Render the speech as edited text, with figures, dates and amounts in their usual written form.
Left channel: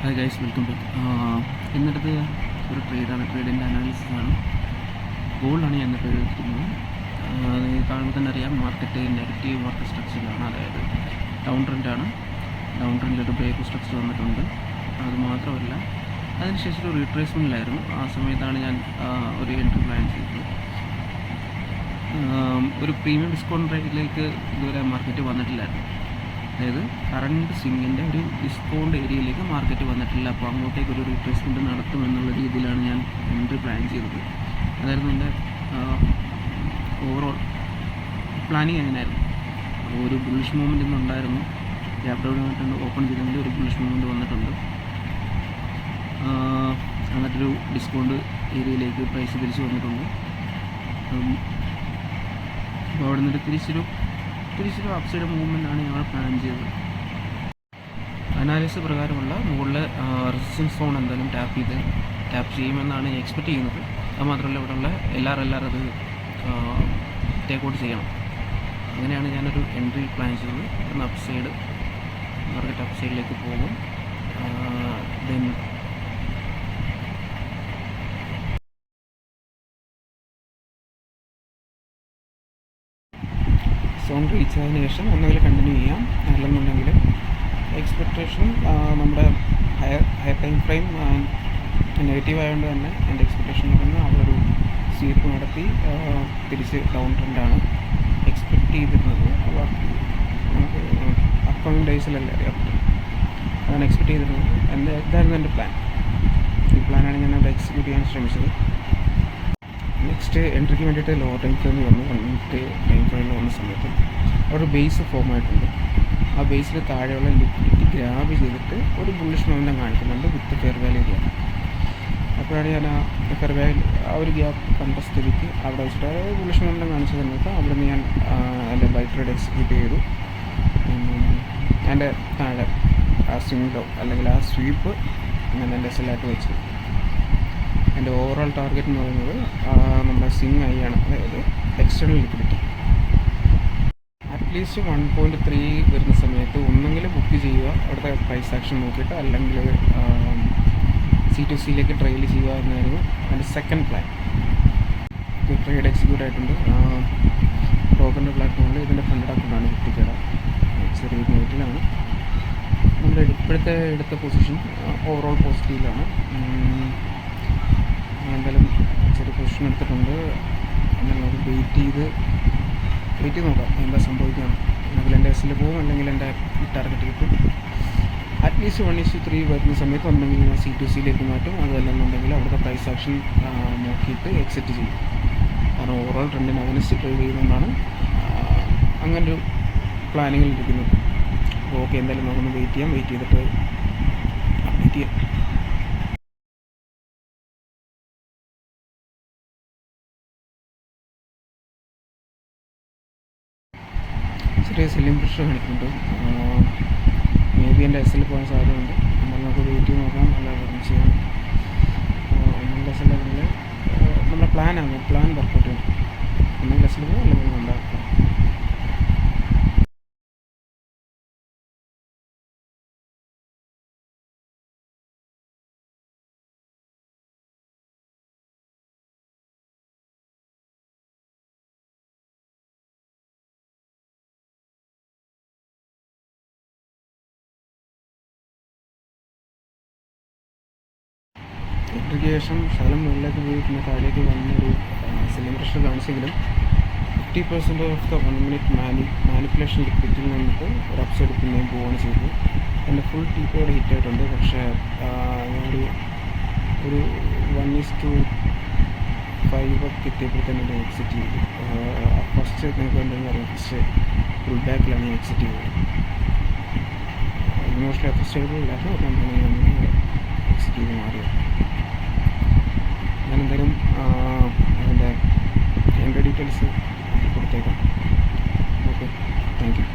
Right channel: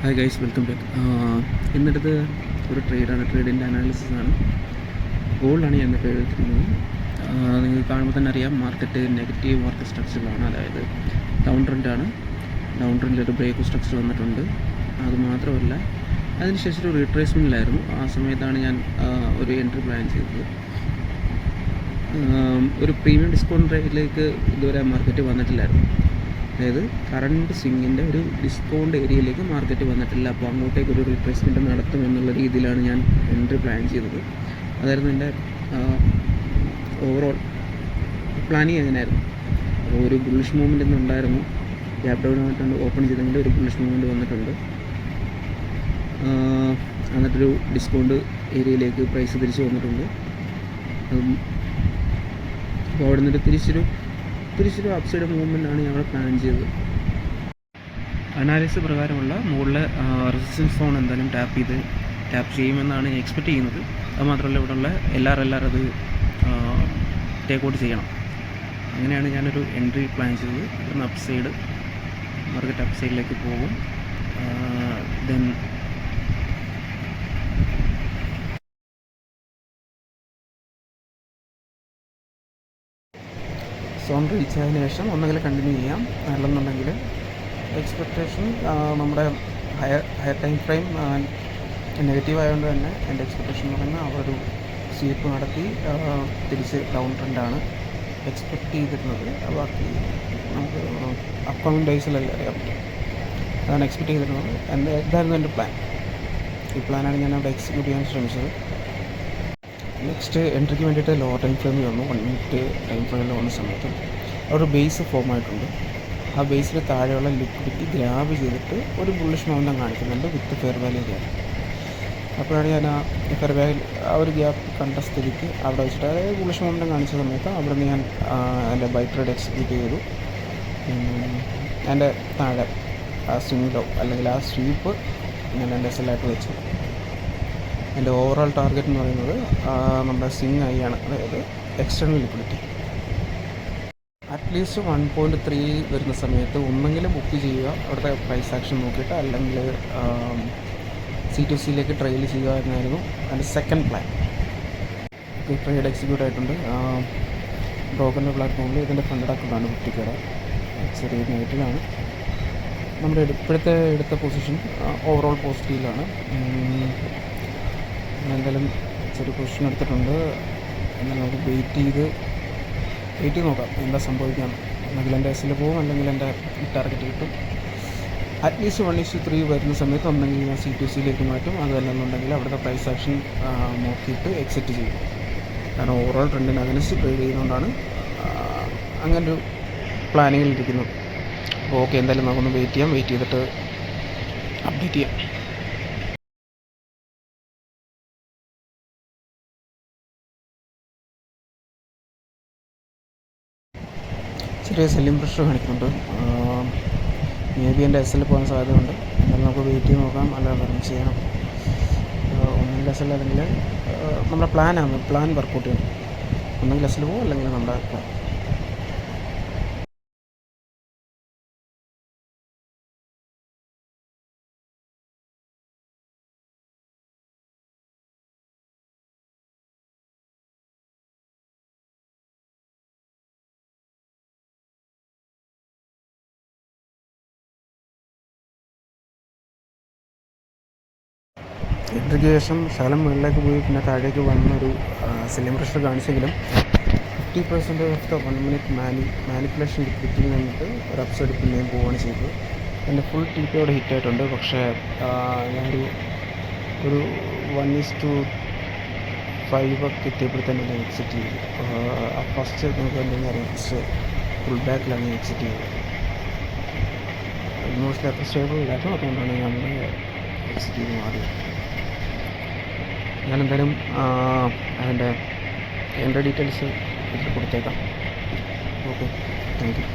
Hi guys, welcome back. ഇന്നടുത്ത് ഒരു ട്രേഡാണ്, ട്രേഡിൻ്റെ അനാലിസിസ് ആണ്. ഗോൾഡാണ് ഞാൻ ഇന്ന് ട്രേഡ് എടുത്തിരിക്കുന്നത്. നിങ്ങൾക്ക് കാണുമ്പോൾ തന്നെ അറിയാം, മാർക്കറ്റ് നെഗറ്റീവ് മാർക്കറ്റ് സ്ട്രക്ചറിലാണ്. അതായത് ഡൗൺ ട്രെൻഡാണ്. ഡൗൺ ട്രെൻഡിലൊരു ബ്രേക്ക് സ്ട്രക്ചർ വന്നിട്ടുണ്ട്. അതുമാത്രമല്ല, അതിനുശേഷം ഒരു റീട്രേസ്മെൻറ്റിലായിരുന്നു. ആ സമയത്താണ് ഞാൻ ഒരു എൻട്രി പ്ലാൻ ചെയ്തത്. ഒരു പ്രീമിയം ഡിസ്കൗണ്ട് റേറ്റിലേക്ക് ഇതുവരെ മാർക്കറ്റ് വന്നിട്ടില്ലായിരുന്നു. അതായത് കറണ്ട് സ്വിങ്ങിൻ്റെ ഒരു ഡിസ്കൗണ്ട് ഏരിയയിലേക്ക് മാർക്കറ്റ് വന്നിട്ടില്ല. അപ്പോൾ അങ്ങോട്ടേക്ക് ഒരു റീട്രേസ്മെൻറ്റ് നടത്തുമെന്നുള്ള രീതിയിലാണ് ഞാൻ എൻട്രി പ്ലാൻ ചെയ്തത്. അതായിരുന്നു എൻ്റെ ഓവറോൾ പ്ലാനിങ് അങ്ങനെയായിരുന്നു. അപ്പോൾ ഒരു ബുള്ളിഷ് മൂവ്മെൻറ്റ് ഇന്നുണ്ടായിരുന്നു. ഗ്യാപ് ഡൗൺ ആയിട്ടുണ്ട്, ഓപ്പൺ ചെയ്തെങ്കിൽ ഒരു ബുള്ളിഷ് മൂവ്മെൻറ്റ് വന്നിട്ടുണ്ട്. എന്നിട്ടൊരു ഡിസ്കൗണ്ട് ഏരിയയിലേക്ക് പ്രൈസ് തിരിച്ച് വന്നിട്ടുണ്ട്. അപ്പോൾ അവിടെ നിന്നൊരു തിരിച്ചൊരു അപ്സൈഡ് മൂവ്മെൻറ്റാണ് ഞങ്ങൾ പ്ലാൻ ചെയ്തത്. അനാലിസിസ് പ്രകാരമുള്ള മുകളിലെ റെസിസ്റ്റൻസ് സോൺ എന്തായാലും ടാപ്പ് ചെയ്യുമെന്നാണ് ഞാൻ എക്സ്പെക്റ്റ് ചെയ്യുന്നത്. അതുമാത്രമല്ല, ഇവിടെയുള്ള എല്ലാവരും അത് ടേക്ക് ഔട്ട് ചെയ്യണം. അങ്ങനെയാണ് ഞാനൊരു എൻട്രി പ്ലാൻ ചെയ്തത്. ഇവിടുന്ന് അപ്സൈഡ് മാർക്കറ്റ് അപ്സൈഡിലേക്ക് പോകും. ദെൻ സോൺ റീച്ച് ആയതിനു ശേഷം ഒന്നെങ്കിൽ കണ്ടിന്യൂ ചെയ്യാം, അല്ലെന്നുണ്ടെങ്കിൽ എക്സ്പെക്റ്റേഷൻ നമ്മുടെ ഹയർ ടൈം ഫ്രെയിം നെഗറ്റീവ് ആയതുകൊണ്ട് തന്നെ എൻ്റെ എക്സ്പെക്റ്റേഷൻ എന്ന് പറയുന്നത് അവിടെ ഒരു സ്വീപ്പ് നടത്തി തിരിച്ച് ഡൗൺ ട്രെൻഡാണ് എക്സ്പെക്റ്റ് ചെയ്തിരുന്നത്. ബാക്കി നമുക്ക് അപ്കമിങ് ഡേയ്സിലല്ലേ അറിയാം, അതാണ് എക്സ്പെക്റ്റ് ചെയ്തിരുന്നത്. ഇതായിരുന്നു എൻ്റെ പ്ലാൻ. ഈ പ്ലാനാണ് ഞാൻ അവിടെ എക്സിക്യൂട്ട് ചെയ്യാൻ ശ്രമിച്ചത്. നെക്സ്റ്റ് എൻട്രിക്ക് വേണ്ടിയിട്ട് ലോവർ ടൈം ഫ്രെയിമിൽ വന്നു. 1 മിനിറ്റ് ടൈം ഫ്രെയിമിൽ വന്ന സമയത്ത് അവിടെ ഒരു ബേസ് ഫോം ആയിട്ടുണ്ട്. ആ ബേസിന് താഴെയുള്ള ലിക്വിഡിറ്റി ഗ്രാബ് ചെയ്തിട്ട് ഒരു ബുള്ളിഷ് മൊമെൻ്റം കാണിക്കുന്നുണ്ട് വിത്ത് ഫെയർ വാല്യൂ ഗ്യാപ്പ്. അപ്പോഴാണ് ഞാൻ ആ ഫെയർ വാല്യൂ ആ ഒരു ഗ്യാപ്പ് കണ്ട സ്ഥിതിക്ക് അവിടെ വെച്ചിട്ട്, അതായത് ബുള്ളിഷ് മൊമെൻ്റം കാണിച്ച സമയത്ത് അവിടെ നിന്ന് ഞാൻ എൻ്റെ ബൈ ട്രേഡ് എക്സിക്യൂട്ട് ചെയ്തു. എൻ്റെ താഴെ ആ സ്വിംഗ് അല്ലെങ്കിൽ ആ സ്വീപ്പ് ഞാൻ എൻ്റെ എസ്എല്ലായിട്ട് വെച്ചു. എൻ്റെ ഓവറോൾ ടാർഗറ്റ് എന്ന് പറയുന്നത് നമ്മുടെ സ്വിംഗ് ഐ ആണ്, അതായത് എക്സ്റ്റേണൽ ലിക്വിഡിറ്റി. അറ്റ്ലീസ്റ്റ് 1.3 വരുന്ന സമയത്ത് ഒന്നെങ്കിൽ ബുക്ക് ചെയ്യുക അവിടുത്തെ പ്രൈസ് ആക്ഷൻ നോക്കിയിട്ട്, അല്ലെങ്കിൽ C2Cയിലേക്ക് ട്രെയിൽ ചെയ്യുക എന്നായിരുന്നു അതിൻ്റെ സെക്കൻഡ് പ്ലാൻ. ട്രേഡ് എക്സിക്യൂട്ട് ആയിട്ടുണ്ട്. ടോക്കൻ്റെ പ്ലാറ്റ്ഫോമിൽ ഇതിൻ്റെ ഫണ്ടഡ് അക്കൗണ്ടാണ് കുട്ടിക്കട. ചെറിയ നെഗറ്റീവാണ്. നമ്മുടെ ഇപ്പോഴത്തെ എടുത്ത പൊസിഷൻ ഓവറോൾ പോസിറ്റീവിലാണ്. ഞാൻ എന്തായാലും ചെറിയ പൊസിഷൻ എടുത്തിട്ടുണ്ട്. എന്നാലും നമുക്ക് വെയിറ്റ് ചെയ്ത് നോക്കാം എന്താ സംഭവിക്കാം. അല്ലെങ്കിൽ എൻ്റെ എസ്സിൽ പോകും, അല്ലെങ്കിൽ എൻ്റെ ടാർഗറ്റ് കിട്ടും. അറ്റ്ലീസ്റ്റ് 1:3 വരുന്ന സമയത്ത് ഒന്നെങ്കിൽ ഞാൻ C2Cയിലേക്ക് മാറ്റും, അതല്ലെന്നുണ്ടെങ്കിൽ അവിടുത്തെ പ്രൈസ് ആക്ഷൻ നോക്കിയിട്ട് എക്സിറ്റ് ചെയ്യും. കാരണം ഓവറോൾ ട്രെൻഡിന് അഗൻസ്റ്റ് ട്രേഡ് ചെയ്യുന്നതുകൊണ്ടാണ് അങ്ങനൊരു പ്ലാനിങ്ങിലിരിക്കുന്നത്. അപ്പോൾ ഓക്കെ, എന്തായാലും നമുക്കൊന്ന് വെയിറ്റ് ചെയ്തിട്ട് അപ്ഡേറ്റ് ചെയ്യാം. ചെറിയ സെല്ലിംഗ് പ്രഷർ കാണിക്കുന്നുണ്ട്. മേ ബി എൻ്റെ എസ്സിൽ പോകാൻ സാധ്യതയുണ്ട്. എന്തായാലും നമുക്ക് വെയിറ്റ് ചെയ്ത് നോക്കാം, അല്ല വേറെ ചെയ്യണം. ഒന്നെങ്കിൽ എസ്സിൽ, അല്ലെങ്കിൽ നമ്മുടെ പ്ലാൻ വർക്കൗട്ട് ചെയ്യണം. ഒന്നെങ്കിൽ എസ്സിൽ പോകും, അല്ലെങ്കിൽ നമ്മുടെ പ്ലാൻ. എൻട്രിക്ക് ശേഷം ശകലം മുകളിലേക്ക് പോയി പിന്നെ താഴേക്ക് വന്നൊരു സെല്ലിംഗ് പ്രഷർ കാണിച്ചെങ്കിലും 50% ഓഫ് ദ 1 മിനിറ്റ് മാനിപ്പുലേഷൻ ലിക്വിഡിറ്റിയിൽ നിന്നിട്ട് ഒരു അപ്സൈഡ് പിന്നെയും പോവുകയാണ് ചെയ്തത്. എൻ്റെ ഫുൾ TP അവിടെ ഹിറ്റായിട്ടുണ്ട്. പക്ഷേ ഞാനൊരു 1:5 ഒക്കെ എത്തിയപ്പോഴത്തേനും ഞാൻ എക്സിറ്റ് ചെയ്തു. ഫസ്റ്റ് നിങ്ങൾക്ക് എന്തെങ്കിലും അറിയാം, ഫസ്റ്റ് ഫുൾ ബാക്കിലാണ് ഞാൻ എക്സിറ്റ് ചെയ്തത്. ഇമോഷണലി അത്ര സ്റ്റേബിൾ ഇല്ലായിരുന്നു, അതുകൊണ്ടാണ് ഞാൻ എക്സിറ്റ് ചെയ്ത് മാറിയത്. ഞാനെന്തായാലും അതിൻ്റെ എൻ്റെ ഡീറ്റെയിൽസ് കൊടുത്തേക്കാം. Okay, thank you.